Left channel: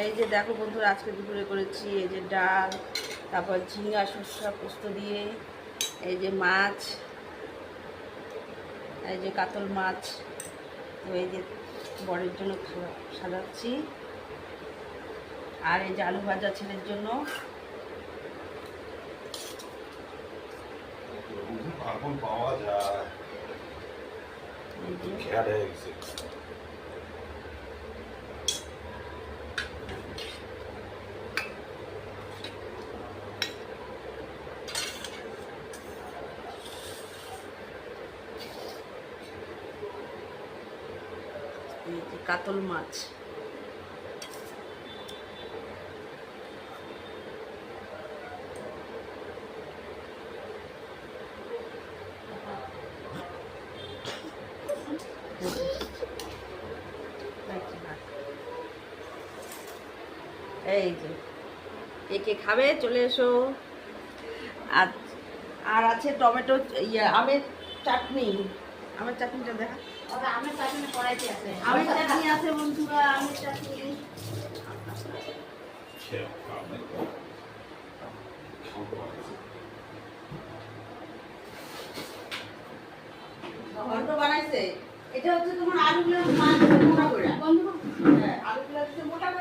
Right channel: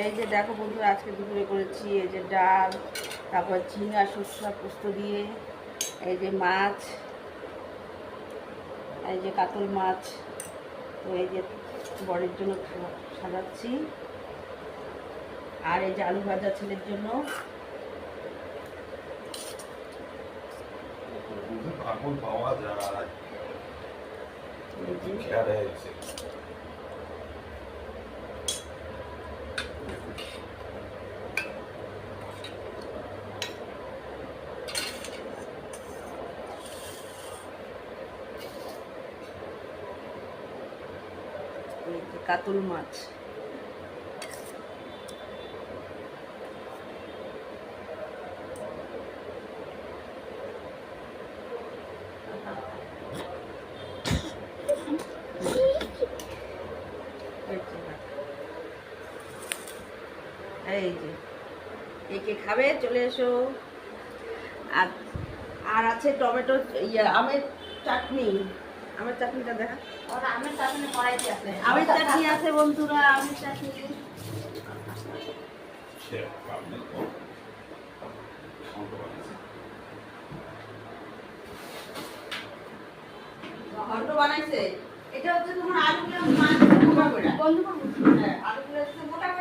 এই যে দেখো বন্ধুরা, আজকে দুপুরে করেছি এই যে ডাল, তারপর ঝিঙ্গা সরষা পোস্ত দিয়ে, এই যে মাছ, এই যে কাতল মাছ। তো এই যে বরের জন্য সাজাচ্ছি, আর এই যে আলু ভাজা ছেলের জন্য। পাওয়া যায় এই যে কাতল মাছ। এই যে কে কে খাবে চলে এসো। আর আর আছে টমেটো আমের চাটনি। আমের চাটনিটা দেখা। আমের চাটনি কড়াইতে আছে। আমের চাটনি আছে বন্ধুরা, আমের চাটনি। ঘন্ট বানাইছে। এটা হচ্ছে তোমার আলুগুলো মোটা করে। হ্যাঁ, আলুগুলো হচ্ছে মোটা করে।